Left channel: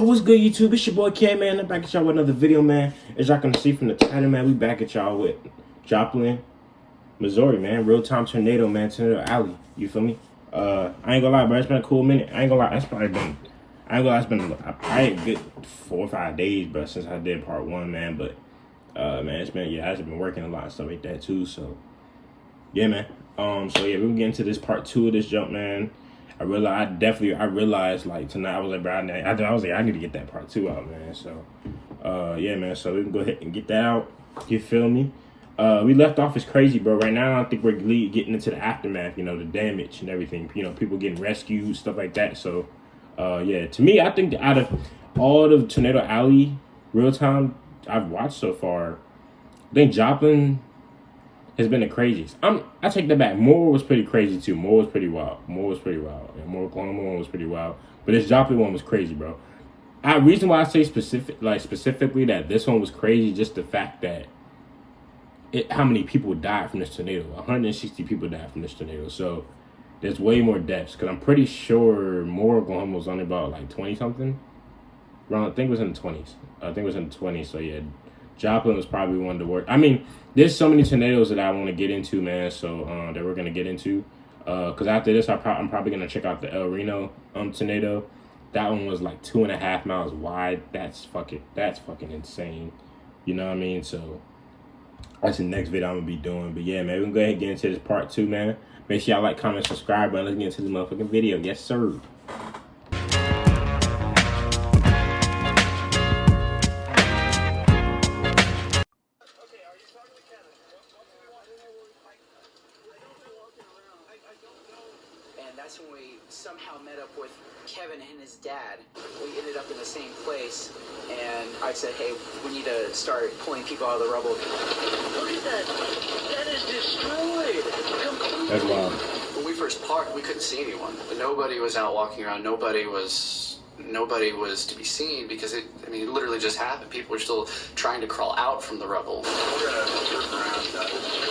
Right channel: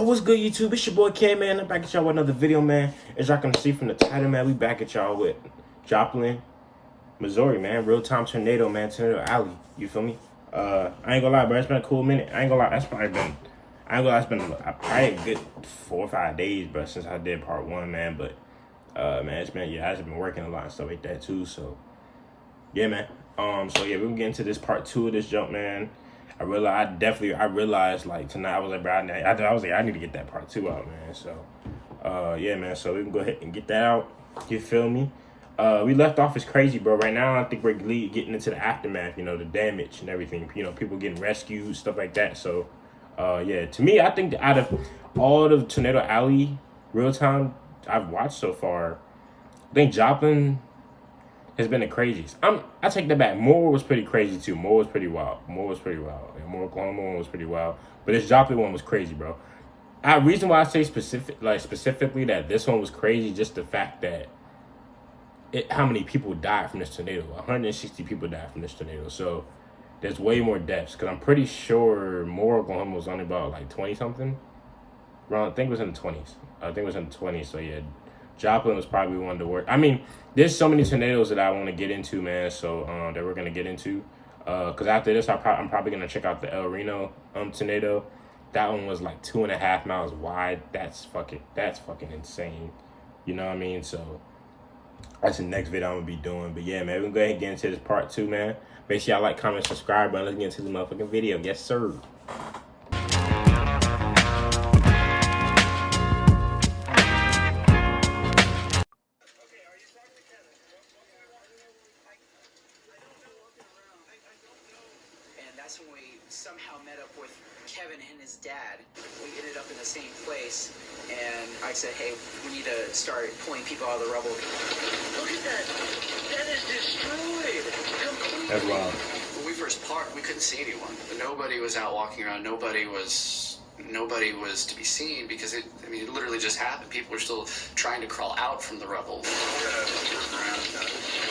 Oh, what's good, YouTube? It's your boy K, man. I'm back at y'all with another video, man. As y'all can see from the title, man, we back at y'all with Joplin, Missouri, man. Real-time tornado, man. Tornado Alley. You feel me? I ain't gonna lie, bro. It's been a cool minute. I ain't gonna lie. It's probably been, I ain't gonna lie, it's been probably a good 4 or 5 days, bro, since I did part 1, man. But, man, it's been, yeah, I've just been working a lot and stuff like that, too. So, yeah, man. So, yeah, we're gonna get into this part 2 of this jump, man. I realized like tonight I was like, bro, I was like, I need to get that part 2 out, man. So, yeah, man. So we can go ahead and get that out. You feel me? We left off as crazy, bro. Right now, I think we're getting into the aftermath. You know, the damage and everything. You know, people getting rescued, stuff like that. So, yeah. To me, I think that out of all the Tornado Alley real time I've watched so far, I think Joplin has been the craziest. I take that back. Moore was pretty crazy too. Moore was pretty wild. And Moore Oklahoma one was pretty wild. But this Joplin one was crazy, bro. Reason why I say specifically that this one was crazy, just the fact that how many people died from this tornado. 160 people died from this tornado. So there's way more deaths. Because I'm pretty sure Moore Oklahoma was only about like 20 something. I think it was in the 20s. So yeah. Joplin was probably one of the worst. I mean, there's so many tornadoes that I want to get into, man. So that we're gonna get into. Cause after this, I'm probably gonna check out the El Reno tornado. That one was like 2.5 miles wide. That's fucking insane. You know what I mean? So that's the next video I'm gonna be doing. But yeah, man, we're gonna go ahead and get into this part 2, man. Make sure y'all like, comment, subscribe, bro. Let's get into this motherfucking video. Yes, sir. That's when we somehow met up with Kevin and his dad. We ended up in the same place, and I said, hey, we need to start pulling people out of the rubble. Look at that. That is destroyed. Completely. That's wild. When we first parked, we couldn't see anyone. Nobody was out walking around. Nobody was to be seen because it literally just happened. People were still trying to crawl out from the rubble.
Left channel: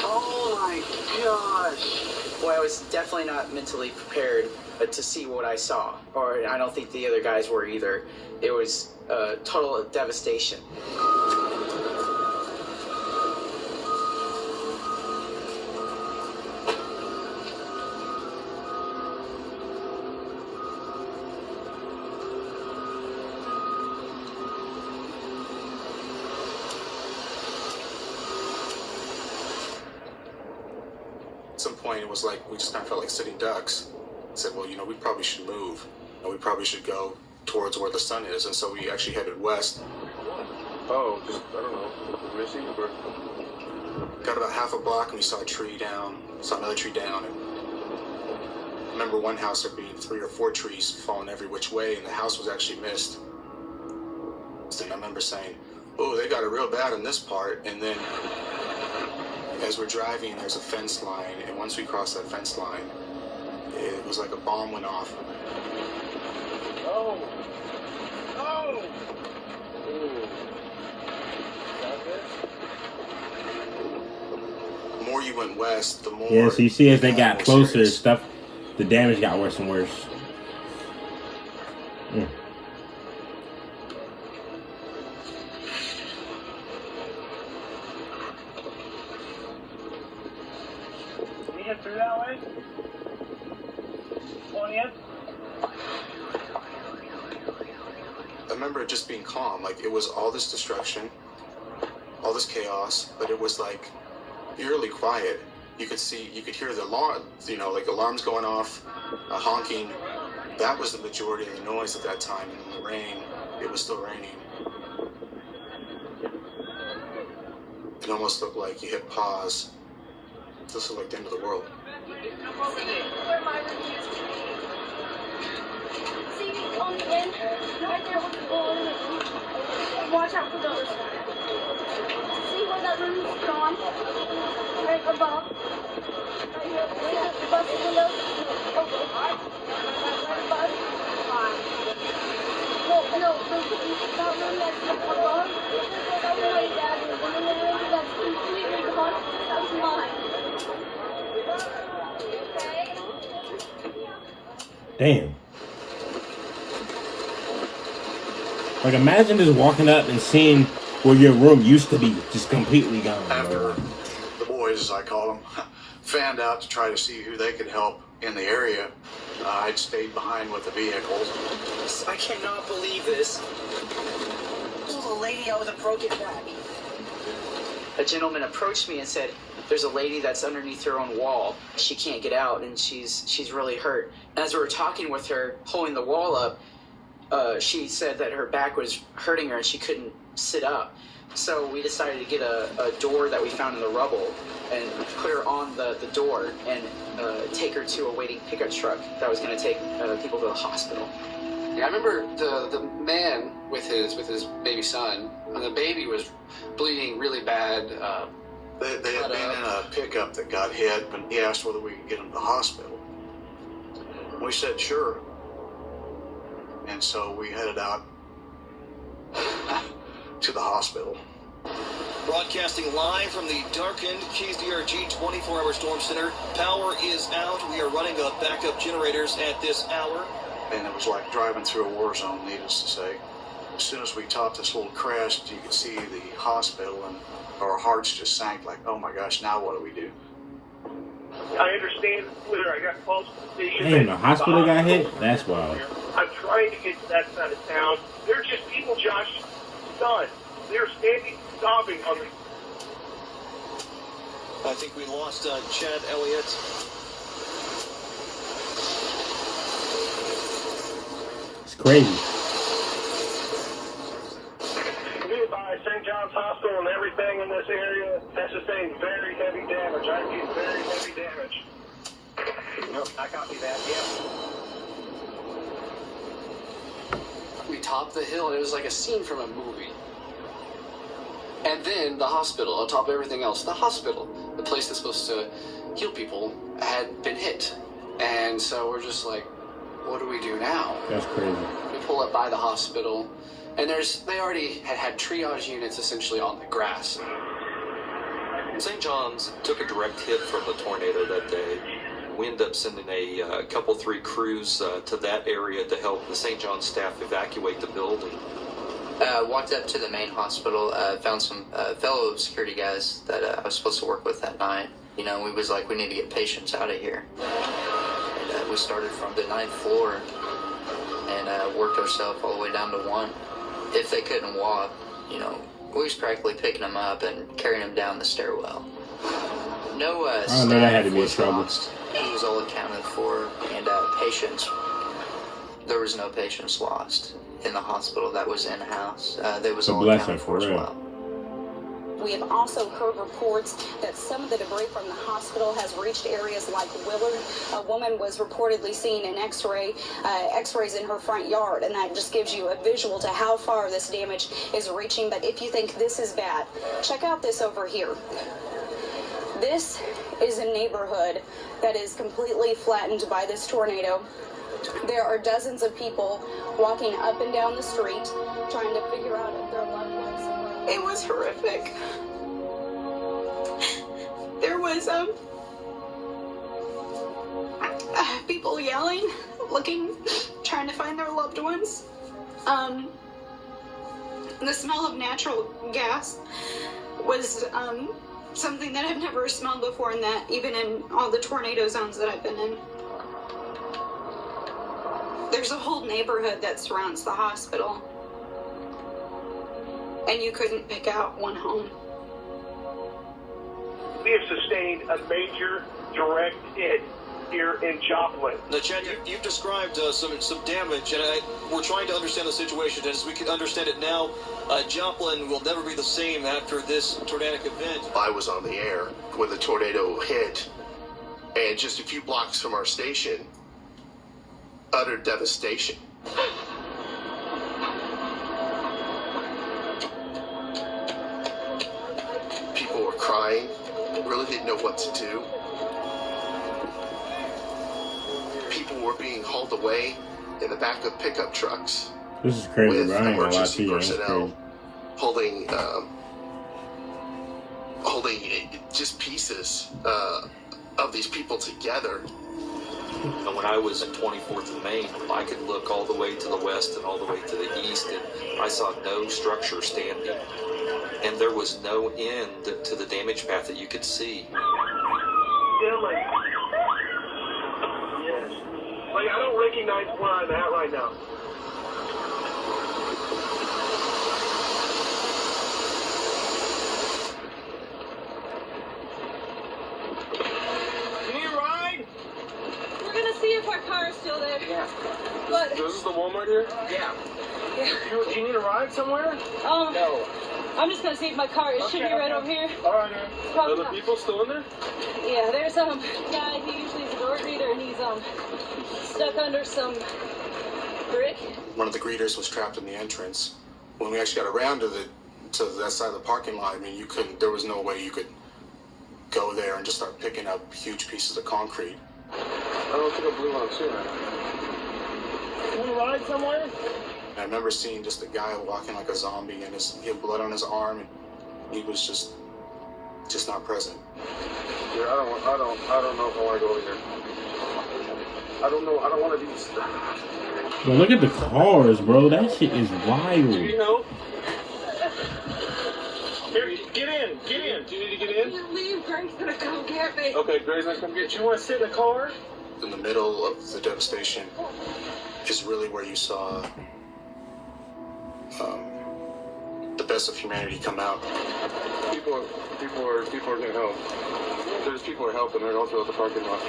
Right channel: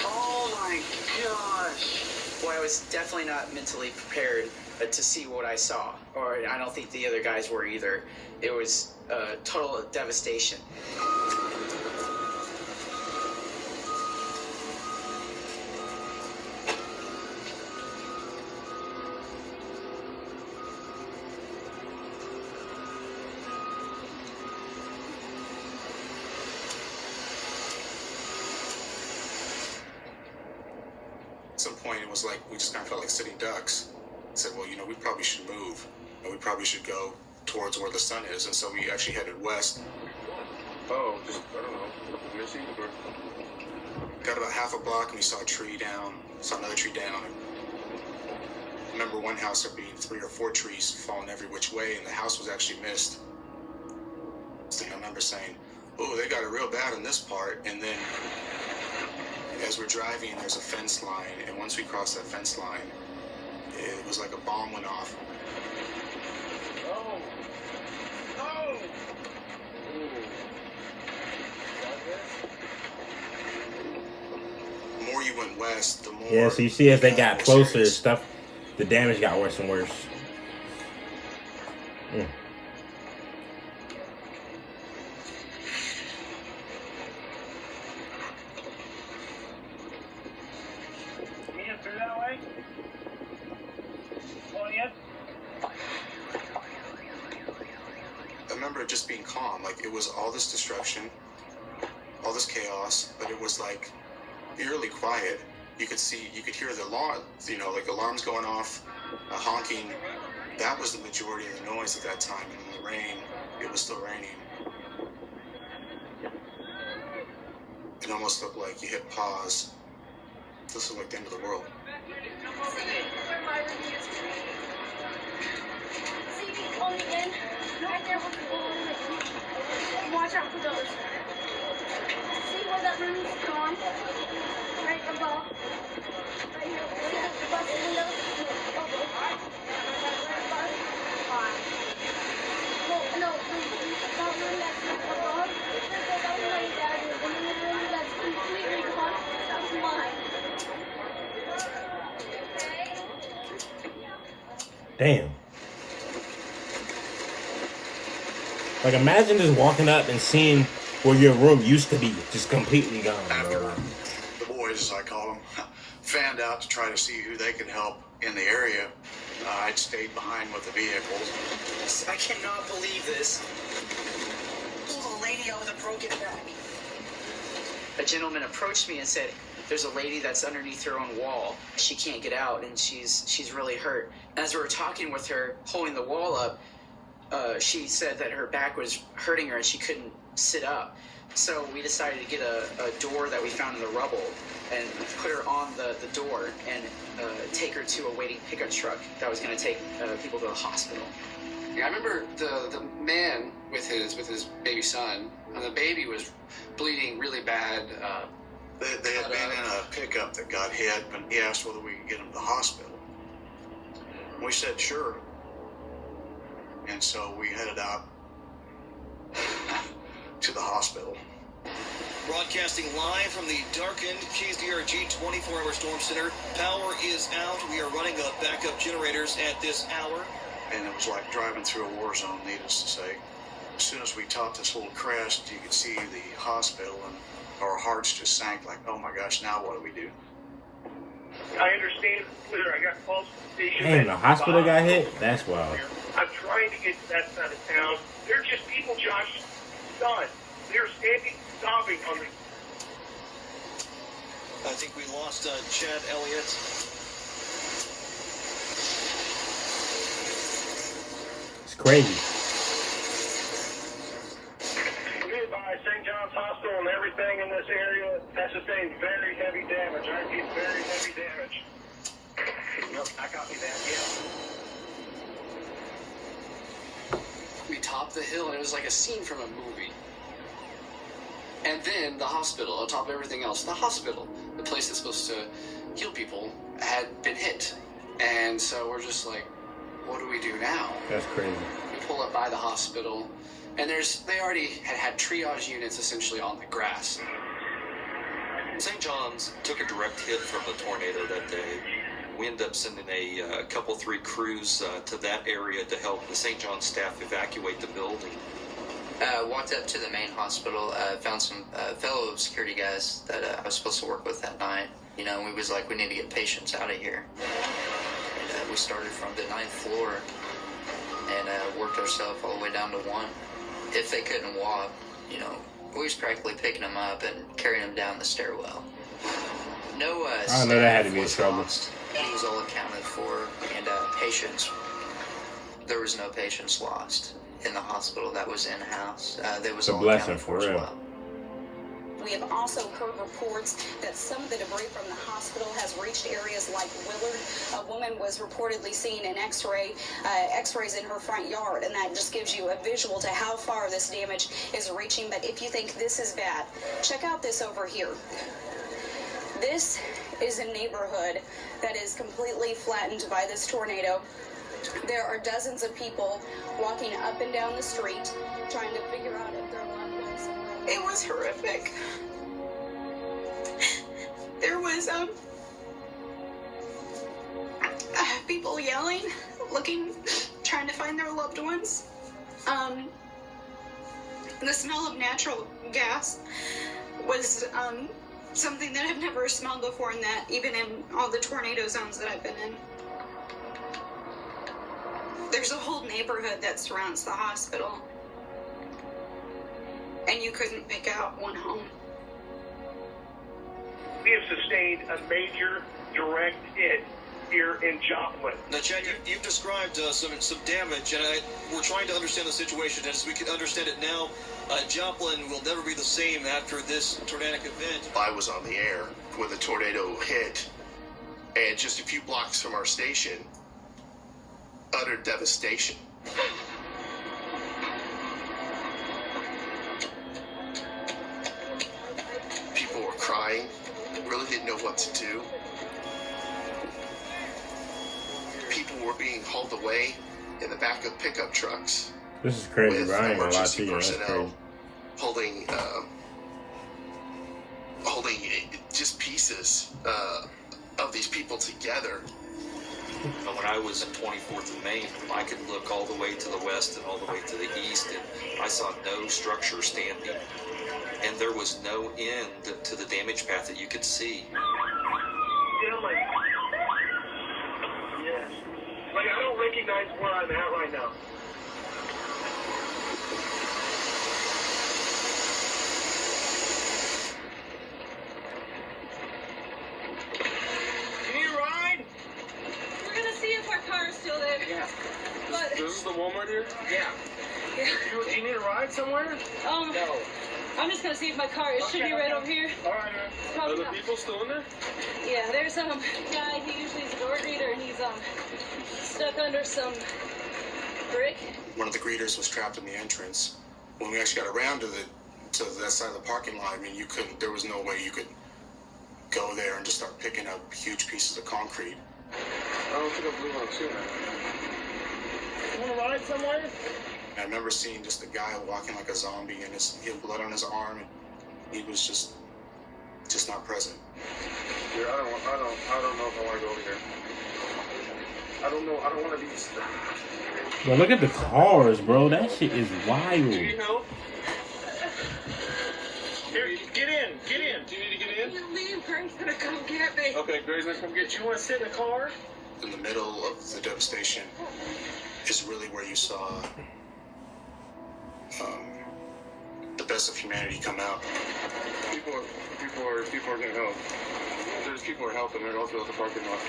Oh my gosh. Well, I was definitely not mentally prepared to see what I saw, or I don't think the other guys were either. It was total devastation. At some point, it was like we just kind of felt like sitting ducks. I said, well, we probably should move, and we probably should go towards where the sun is. And so we actually headed west. Oh, just, I don't know. Got about half a block, and we saw a tree down, saw another tree down. And I remember one house there being 3 or 4 trees falling every which way, and the house was actually missed. So I remember saying, oh, they got it real bad on this part. And then as we're driving, there's a fence line, and once we crossed that fence line, it was like a bomb went off. Oh! Oh! The more you went west, the more... Yeah, so you see as they got closer, stuff, the damage got worse and worse. Through that way? On in? I remember it just being calm. Like, it was all this destruction, all this chaos, but it was like eerily quiet. You could hear the alarm, like alarms going off, honking. That was the majority of the noise at that time. And then the rain, it was still raining. It almost looked like you hit pause. This is like the end of the world. On the end, right there with the ball in it. Watch out for the other side. See where that room is gone? Right above. Right here. See the bus window? Okay. Right above. No, that room that's above. That's all the way down. And then the room that's completely gone, that was mine. Damn. Like, imagine just walking up and seeing where your room used to be, just completely gone. After Bro. the boys, as I call them, fanned out to try to see who they could help in the area, I'd stayed behind with the vehicles. I cannot believe this. There's a lady out with a broken back. A gentleman approached me and said, "There's a lady that's underneath her own wall. She can't get out, and she's really hurt." And as we were talking with her, holding the wall up, she said that her back was hurting her and she couldn't sit up. So we decided to get a door that we found in the rubble and put her on the door and take her to a waiting pickup truck that was going to take people to the hospital. I remember the man with his baby son, and the baby was bleeding really bad. They had been in a pickup that got hit, but he asked whether we could get him to the hospital. We said sure. And so we headed out to the hospital. Broadcasting live from the darkened Keys DRG 24-hour storm center. Power is out. We are running backup generators at this hour. And it was like driving through a war zone, needless to say. As soon as we topped this little crest, you could see the hospital, and our hearts just sank like, oh my gosh, now what do we do? I understand whether I got close to the station. Damn, the hospital got hit? That's wild. I'm trying to get to that side of town. They're just people, Josh, stunned. They're standing, sobbing on the... I think we lost Chad Elliott. It's crazy. Nearby St. John's Hospital and everything in this area has sustained very heavy damage. I repeat, very heavy damage. Nope, I copy that, yeah. We topped the hill, and it was like a scene from a movie. And then the hospital, on top of everything else, the hospital, the place that's supposed to heal people, had been hit. And so we're just like, what do we do now? That's crazy. We pull up by the hospital, and they already had triage units essentially on the grass. St. John's took a direct hit from the tornado that day. We ended up sending a couple, 3 crews to that area to help the St. John's staff evacuate the building. Walked up to the main hospital, found some fellow security guys that I was supposed to work with that night. You know, we was like, we need to get patients out of here. And we started from the 9th floor and worked ourselves all the way down to 1. If they couldn't walk, you know, we was practically picking them up and carrying them down the stairwell. No I know that had to be a trouble. lost. He was all accounted for, and patients. There was no patients lost in the hospital that was in-house. There was It's a all blessing, accounted for for as real. well. We have also heard reports that some of the debris from the hospital has reached areas like Willard. A woman was reportedly seen in x-rays in her front yard, and that just gives you a visual to how far this damage is reaching. But if you think this is bad, check out this over here. This is a neighborhood that is completely flattened by this tornado. There are dozens of people walking up and down the street trying to figure out if their loved ones are around. It was horrific. There was people yelling, looking, trying to find their loved ones. The smell of natural gas was something that I've never smelled before, in that even in all the tornado zones that I've been in. There's a whole neighborhood that surrounds the hospital, and you couldn't pick out one home. We have sustained a major direct hit here in Joplin. Now, Chad, you've described some damage, and we're trying to understand the situation. And as we can understand it now, Joplin will never be the same after this tornadic event. I was on the air when the tornado hit, and just a few blocks from our station, utter devastation. People were crying, really didn't know what to do. People were being hauled away in the back of pickup trucks. This is crazy, with bro. I ain't gonna lie to emergency you. That's personnel crazy. holding just pieces of these people together. And when I was in 24th and Main, I could look all the way to the west and all the way to the east, and I saw no structure standing. And there was no end to the damage path that you could see. Dylan. Yes. Like, I don't recognize where I'm at right now. You need a ride? We're gonna see if our car is still there. Yeah. But This is the Walmart here? Yeah. Do you need a ride somewhere? no. I'm just gonna see if my car should be right over here. All right. Probably Are the not. people still in there? Yeah, there's guy. He usually is a door greeter, and he's stuck under some brick. One of the greeters was trapped in the entrance. When we actually got around to that side of the parking lot, I mean, you couldn't. There was no way you could go there and just start picking up huge pieces of concrete. I don't think I believe what I'm seeing. You want to ride somewhere? And I remember seeing just a guy walking like a zombie, and he had blood on his arm, and he was just not present. Yeah, I don't know if I want to go over here. I don't know. I don't want to be stuck. Bro, look at the cars, bro. That shit is wild. You know? Here, get in. Get in. Do you need to get in? You leave, Greg's gonna come get me. Okay, Gray's gonna come get you. You want to sit in the car? In the middle of the devastation is really where you saw the best of humanity come out. People are gonna help. There's people who are helping. They're also at the parking lot.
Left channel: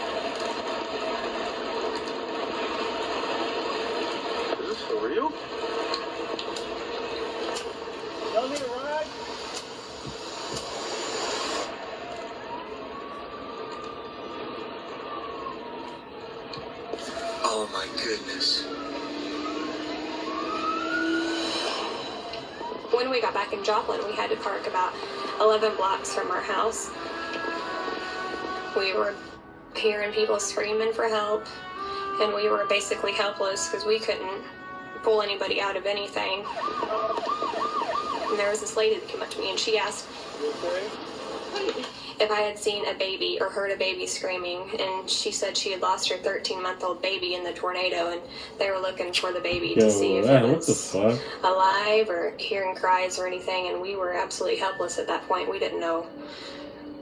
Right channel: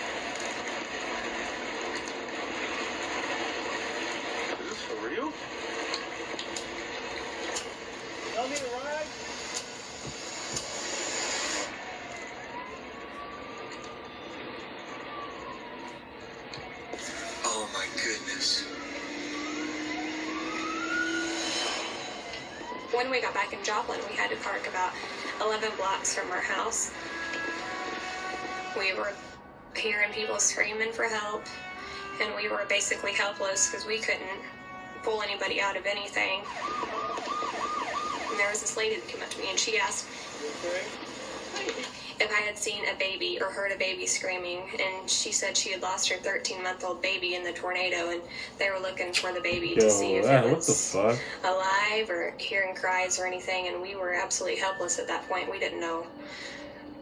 Is this for real? Y'all need a ride? Oh my goodness. When we got back in Joplin, we had to park about 11 blocks from our house. We were hearing people screaming for help, and we were basically helpless because we couldn't pull anybody out of anything. And there was this lady that came up to me, and she asked if I had seen a baby or heard a baby screaming, and she said she had lost her 13-month-old baby in the tornado, and they were looking for the baby to see if it was alive or hearing cries or anything, and we were absolutely helpless at that point. We didn't know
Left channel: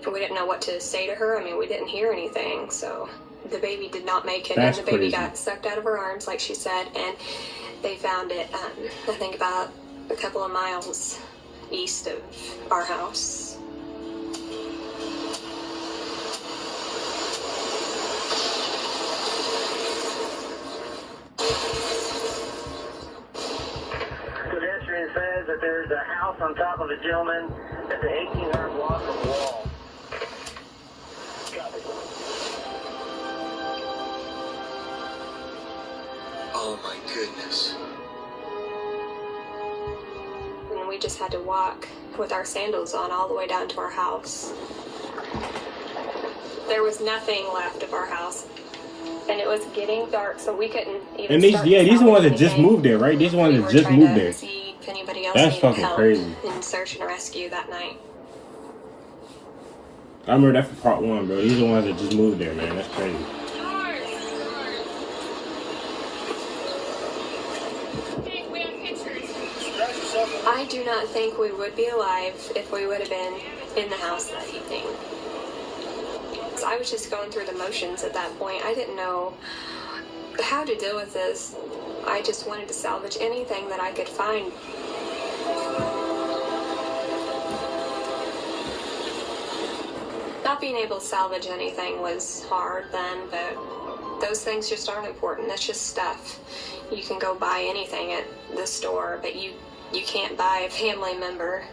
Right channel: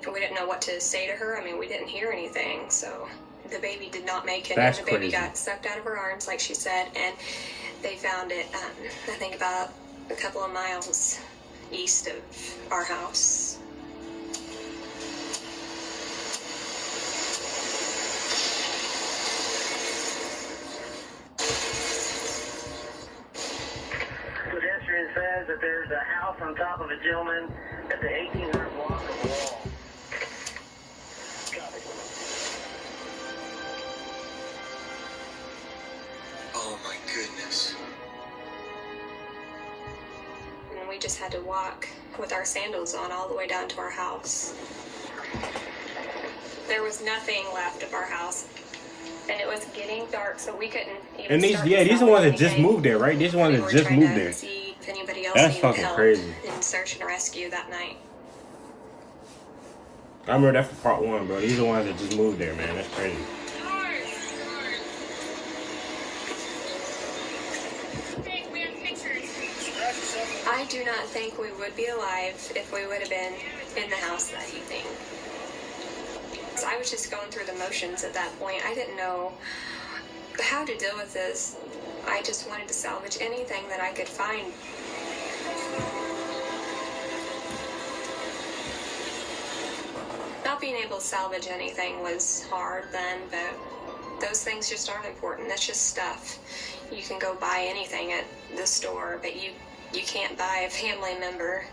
what to say to her. I mean, we didn't hear anything, so the baby did not make it. That's and the baby crazy. got sucked out of her arms, like she said, and they found it, I think about a couple of miles east of our house. Pedestrian says that there's a house on top of a gentleman at the 1800 block of Wall. Copy. Oh my goodness. And we just had to walk with our sandals on all the way down to our house. There was nothing left of our house, and it was getting dark, so we couldn't even. And these are the ones that just moved there, right? These are the ones that just moved there. See if anybody else That's needed fucking help crazy. in search and rescue that night. I remember that from part 1, bro. These are the ones that just moved there, man. That's crazy. I do not think we would be alive if we would have been in the house that evening. So I was just going through the motions at that point. I didn't know how to deal with this. I just wanted to salvage anything that I could find. Not being able to salvage anything was hard then, but those things just aren't important. That's just stuff. You can go buy anything at the store, but you can't buy a family member.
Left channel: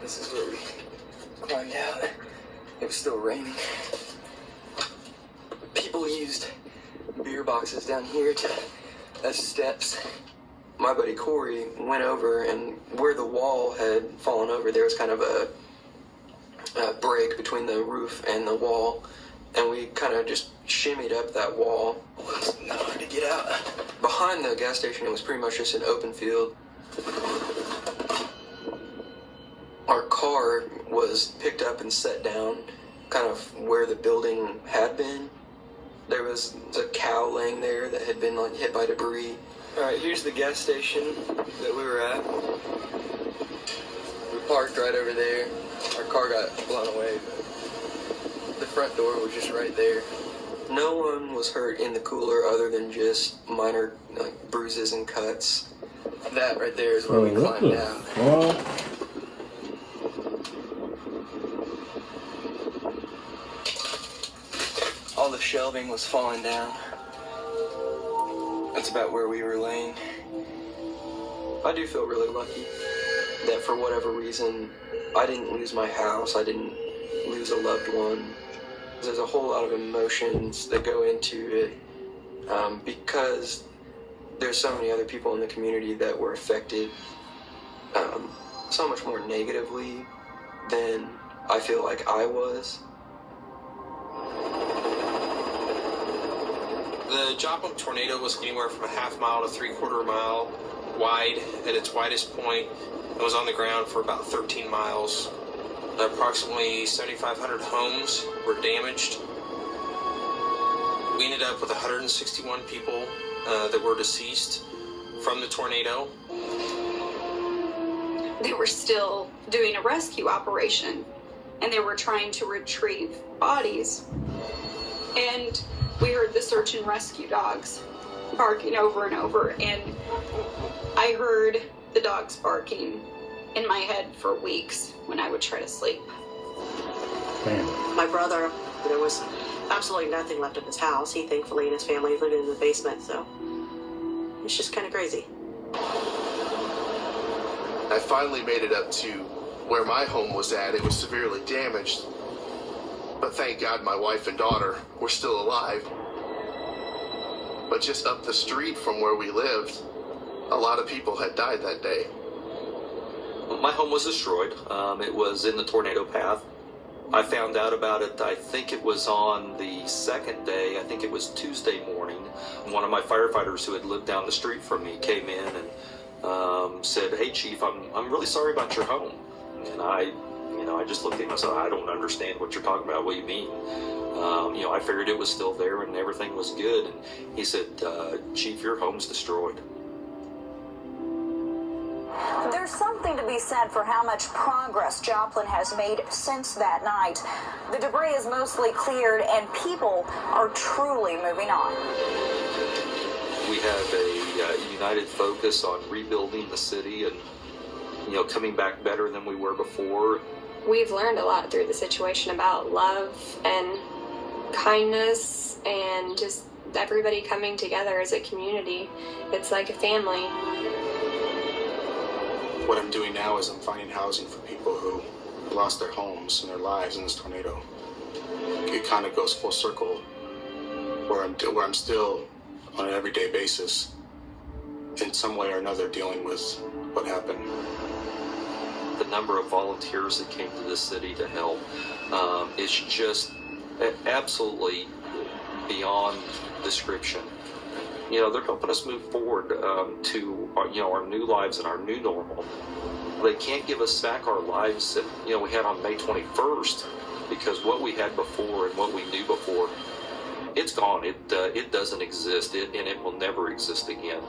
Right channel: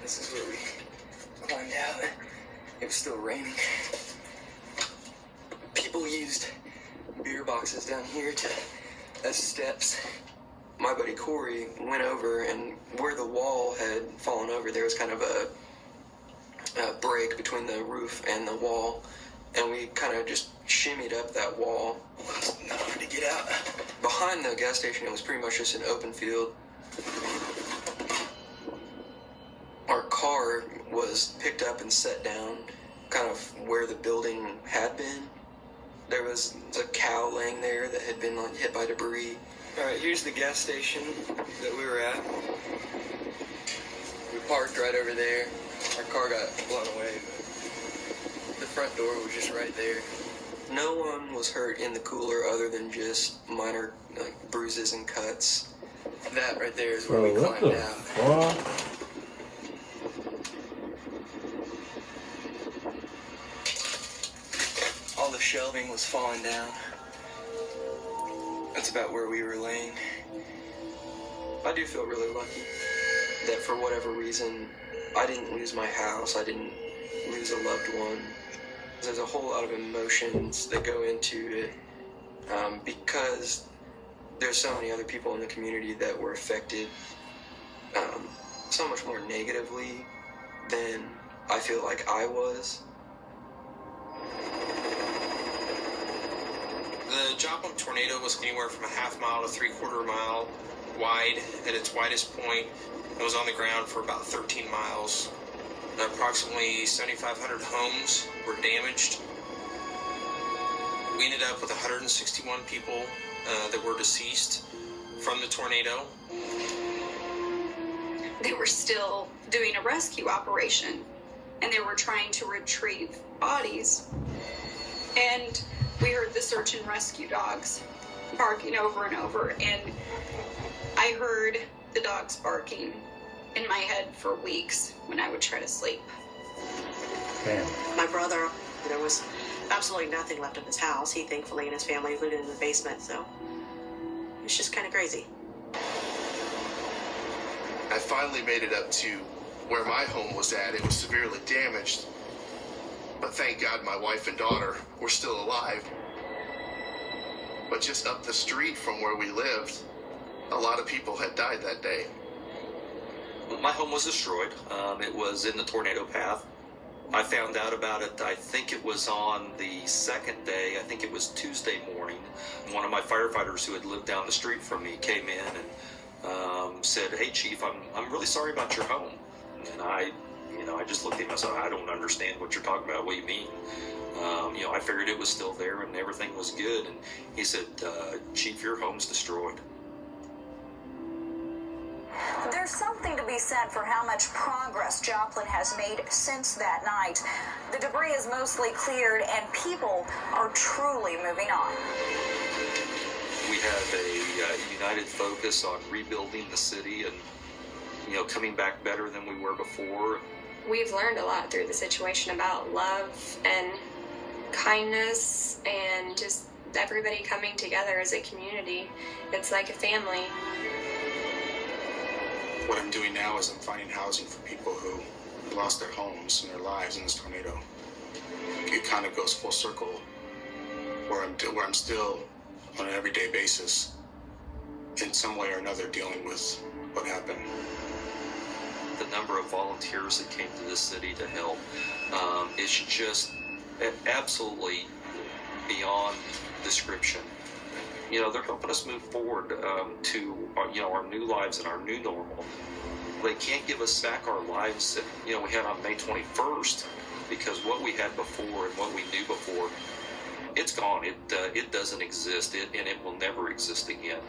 This is where we climbed out. It was still raining. People used beer boxes down here as steps. My buddy Corey went over, and where the wall had fallen over, there was kind of a break between the roof and the wall, and we kind of just shimmied up that wall. Not hard to get out. Behind the gas station, it was pretty much just an open field. Our car was picked up and set down kind of where the building had been. There was a cow laying there that had been hit by debris. All right, here's the gas station that we were at. We parked right over there. Our car got blown away. The front door was just right there. No one was hurt in the cooler other than just minor bruises and cuts. That right there is where we climbed down. All the shelving was falling down. That's about where we were laying. I do feel really lucky that for whatever reason, I didn't lose my house. I didn't lose a loved one. There's a whole lot of emotions that go into it because there's so many other people in the community that were affected so much more negatively than I feel like I was. The Joplin tornado was anywhere from a half mile to 3/4 mile wide. At its widest point, it was on the ground for about 13 miles. Approximately 7,500 homes were damaged. We ended up with 161 people that were deceased from the tornado. They were still doing a rescue operation, and they were trying to retrieve bodies. And we heard the search and rescue dogs barking over and over, and I heard the dogs barking in my head for weeks when I would try to sleep. My brother, there was absolutely nothing left of his house. He thankfully and his family lived in the basement, so it's just kind of crazy. I finally made it up to where my home was at. It was severely damaged, but thank God my wife and daughter were still alive. But just up the street from where we lived, a lot of people had died that day. My home was destroyed. It was in the tornado path. I found out about it, I think it was on the second day. I think it was Tuesday morning. One of my firefighters who had lived down the street from me came in and said, "Hey, Chief, I'm really sorry about your home." And I just looked at him and said, "I don't understand what you're talking about. What do you mean?" I figured it was still there and everything was good. And he said, "Chief, your home's destroyed." There's something to be said for how much progress Joplin has made since that night. The debris is mostly cleared and people are truly moving on. We have a united focus on rebuilding the city and, coming back better than we were before. We've learned a lot through the situation about love and kindness and just everybody coming together as a community. It's like a family. What I'm doing now is I'm finding housing for people who lost their homes and their lives in this tornado. It kind of goes full circle where I'm still on an everyday basis in some way or another dealing with what happened. The number of volunteers that came to this city to help is just absolutely beyond description. They're helping us move forward to our new lives and our new normal. They can't give us back our lives that we had on May 21st, because what we had before and what we knew before, it's gone. It doesn't exist, and it will never exist again,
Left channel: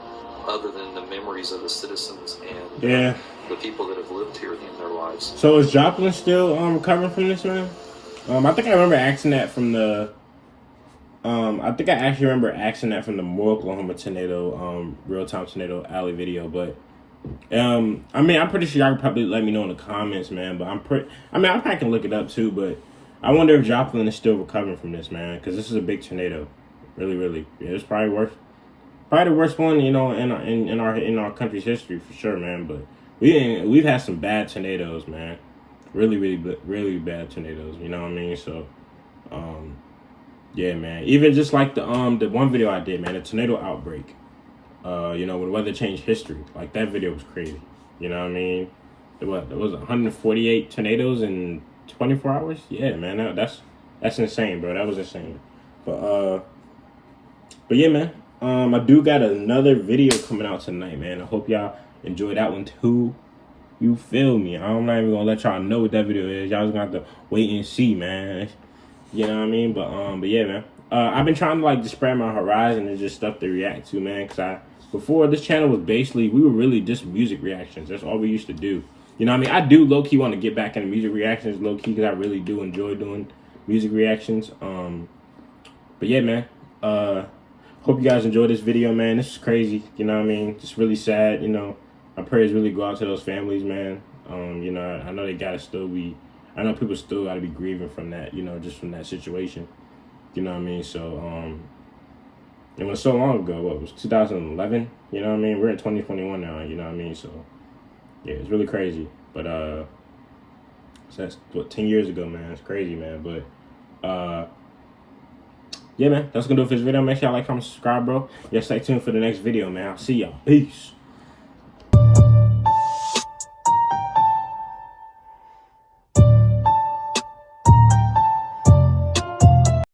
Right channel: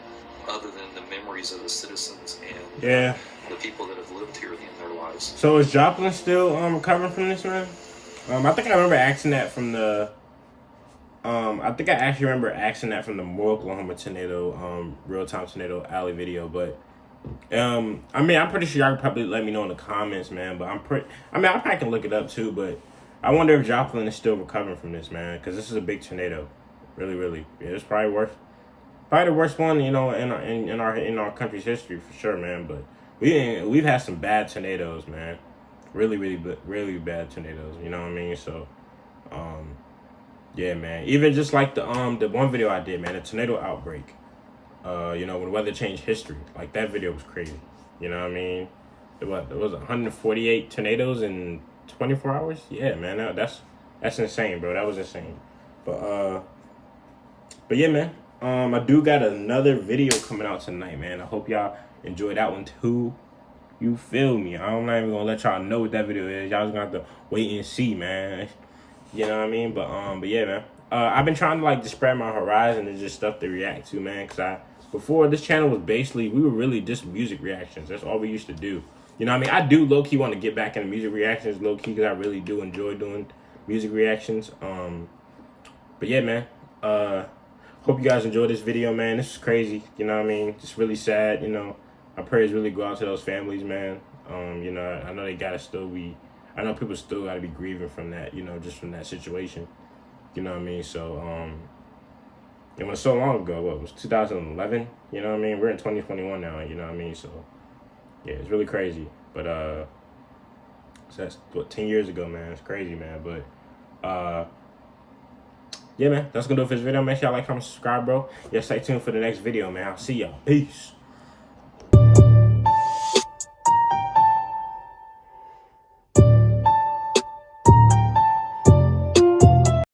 other than the memories of the citizens and the people that have lived here in their lives. So is Joplin still recovering from this, man? I think I remember asking that from the. I think I actually remember asking that from the Oklahoma tornado, real-time tornado alley video. But I'm pretty sure y'all could probably let me know in the comments, man. But I probably can look it up too. But I wonder if Joplin is still recovering from this, man, because this is a big tornado, really, really. Yeah, it's probably the worst one, in our country's history for sure, man. But we've had some bad tornadoes, man. Really, really bad tornadoes. You know what I mean? So, yeah, man. Even just like the one video I did, man, the tornado outbreak. When weather changed history. Like, that video was crazy. You know what I mean? There was 148 tornadoes in 24 hours. Yeah, man. That's insane, bro. That was insane. But yeah, man. I do got another video coming out tonight, man. I hope y'all enjoy that one too. You feel me? I'm not even gonna let y'all know what that video is. Y'all just gonna have to wait and see, man. You know what I mean? But yeah, man. I've been trying to like just spread my horizon and just stuff to react to, man. Cause before this channel was basically, we were really just music reactions. That's all we used to do. You know what I mean? I do low key want to get back into music reactions, low key, because I really do enjoy doing music reactions. But yeah, man. Hope you guys enjoyed this video, man. This is crazy. You know what I mean? Just really sad. You know, my prayers really go out to those families, man. You know, I know they gotta still be. I know people still gotta be grieving from that. You know, just from that situation. You know what I mean? So, it was so long ago. What was 2011? You know what I mean? We're in 2021 now. You know what I mean? So, yeah, it's really crazy. But so that's what 10 years ago, man. It's crazy, man. But yeah, man. That's gonna do it for this video. Make sure y'all like, comment, subscribe, bro. Yeah, stay tuned for the next video, man. I'll see y'all. Peace.